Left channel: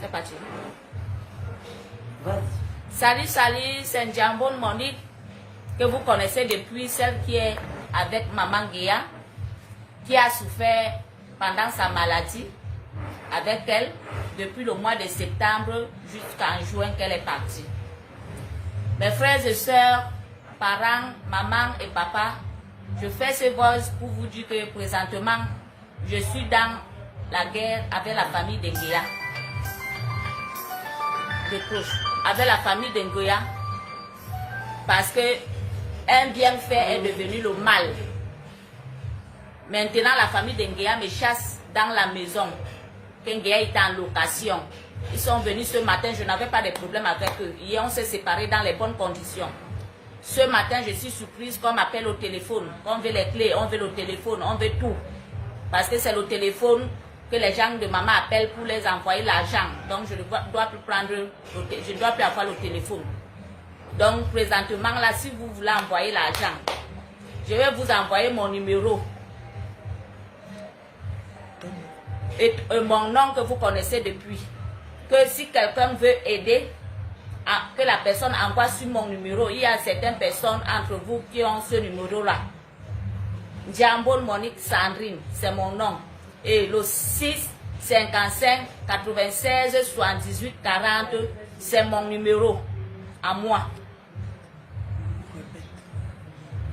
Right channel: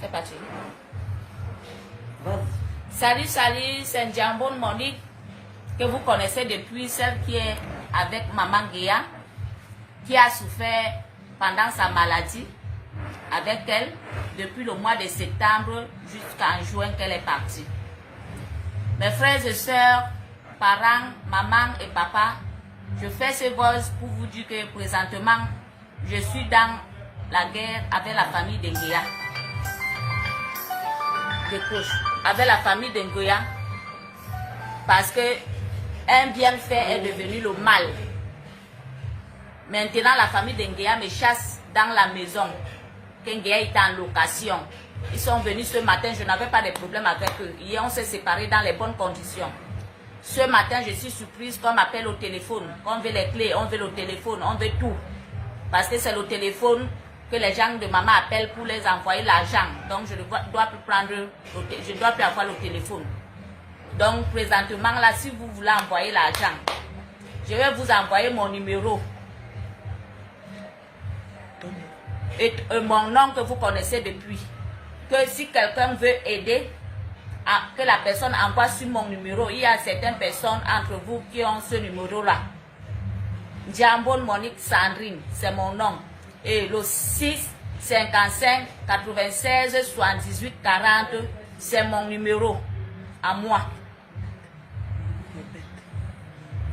C'est parti. Salut, salut, c'est Njambon Monique, que vous connaissez depuis, celle qui est avec Maman Guéa, qui a souffert pendant sa maladie avec elle depuis le mois de septembre jusqu'en juin qu'elle est partie. Mes frères et sœurs, parents, maman et papa, je fais ce voice pour vous dire que présentement, je suis dans la guerre avec la famille d'Enguéa. Avec la famille d'Enguéa, parce que un bienfait est devenu le mal. Maintenant, la famille d'Enguéa me chasse dans la maison. Qu'Enguéa est en location. Ils sont venus ce matin, je n'avais pas de problème avec eux. Hier, on s'est séparés dans les bonnes conditions. Ce matin, je suis surprise qu'on m'appelle au téléphone. On veut les clés, on veut le téléphone, on veut tout. Parce que c'est le téléphone que les gens de maman appellent pour les envoyer l'argent. Donc, je ne dois plus prendre, je dois plus avoir le téléphone. Donc, présentement, là, si vous voulez envoyer l'argent, je vais vous envoyer mon numéro. Et mon nom que vous connaissez depuis. Que si quelqu'un veut aider, que la personne envoie sur mon numéro. Il y a certaines personnes entre vous qui ont ce numéro-là. Njambon Monique Sandrine, c'est mon nom. Et le 6 55 96 78 40, c'est mon numéro à moi.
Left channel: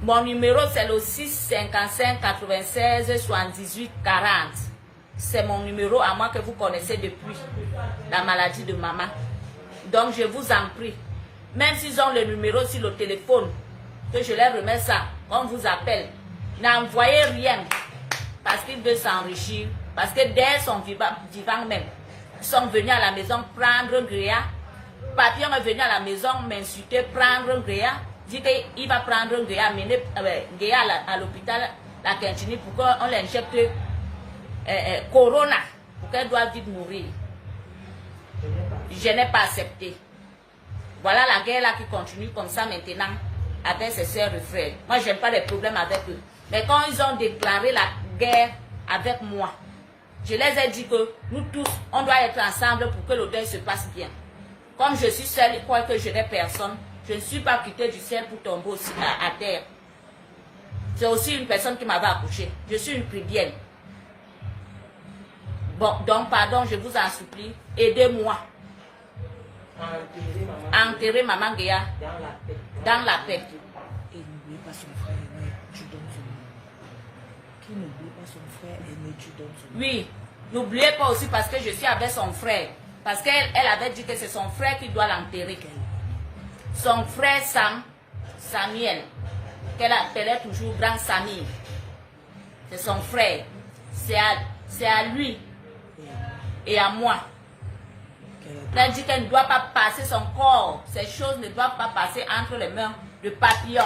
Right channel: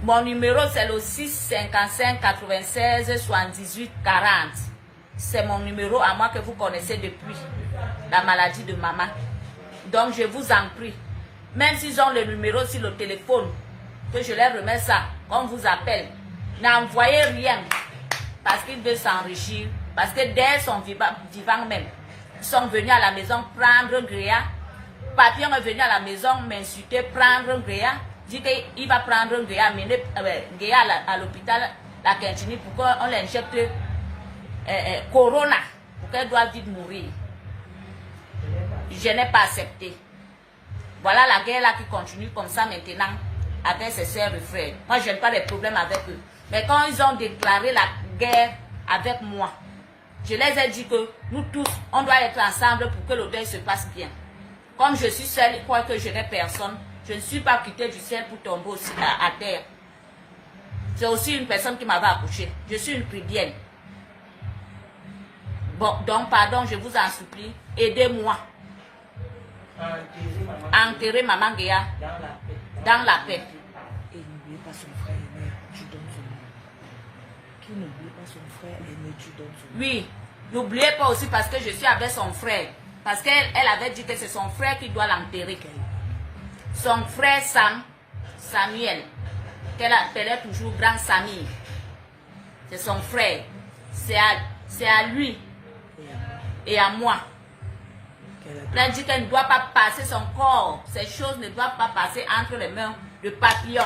Mon numéro, c'est le 6 55 96 78 40. C'est mon numéro à moi que vous connaissez depuis la maladie de maman. Donc, je vous en prie, même s'ils ont le numéro sur le téléphone, que je leur remets ça, on vous appelle, n'envoyez rien, parce qu'ils veulent s'enrichir, parce que dès son vivant même, ils sont venus à la maison prendre Gréa. Papillon est venu à la maison m'insulter, prendre Gréa, dit qu'il va prendre Gréa, mener Gréa à l'hôpital, la Quintini, pour qu'on l'injecte Corona, pour qu'elle doive vite mourir. Je n'ai pas accepté. Voilà la guerre là qui continue comme ça maintenant avec ses sœurs et frères. Moi, je n'ai pas de problème avec eux. Mais quand ils ont déclaré la guerre avec moi, je les ai dit que nous tous, on doit être ensemble pour que le deuil se passe bien. Comme je suis seule, je crois que je n'ai personne. Je ne suis pas quittée du ciel pour tomber aussi à terre. C'est aussi une personne qui m'avait accouché. Je suis une chrétienne. Bon, donc, pardon, je vous en supplie, aidez-moi. Enterrer Maman Guéa dans la paix. Et n'oubliez pas son frère aîné, tu donnes son nom. Qui n'oublie pas son frère aîné, tu donnes son nom. Oui, n'oubliez pas aussi parce que je suis avec son frère. Parce qu'elle avait dit que c'est son frère qui doit l'enterrer. Son frère Samuel, qu'elle appelait toujours Grand Samy. C'est son frère. C'est à lui et à moi. Elle dit qu'elle ne doit pas passer son corps. Ces choses ne doivent pas passer entre les mains de Papillon.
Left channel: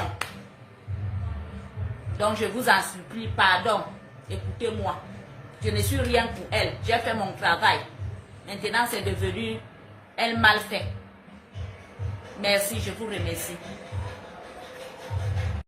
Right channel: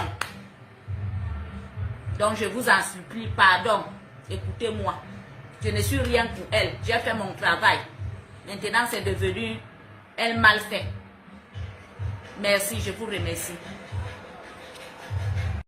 Donc je vous en supplie, pardon. Écoutez-moi. Je ne suis rien pour elle. J'ai fait mon travail. Maintenant, c'est devenu un mal fait. Merci, je vous remercie.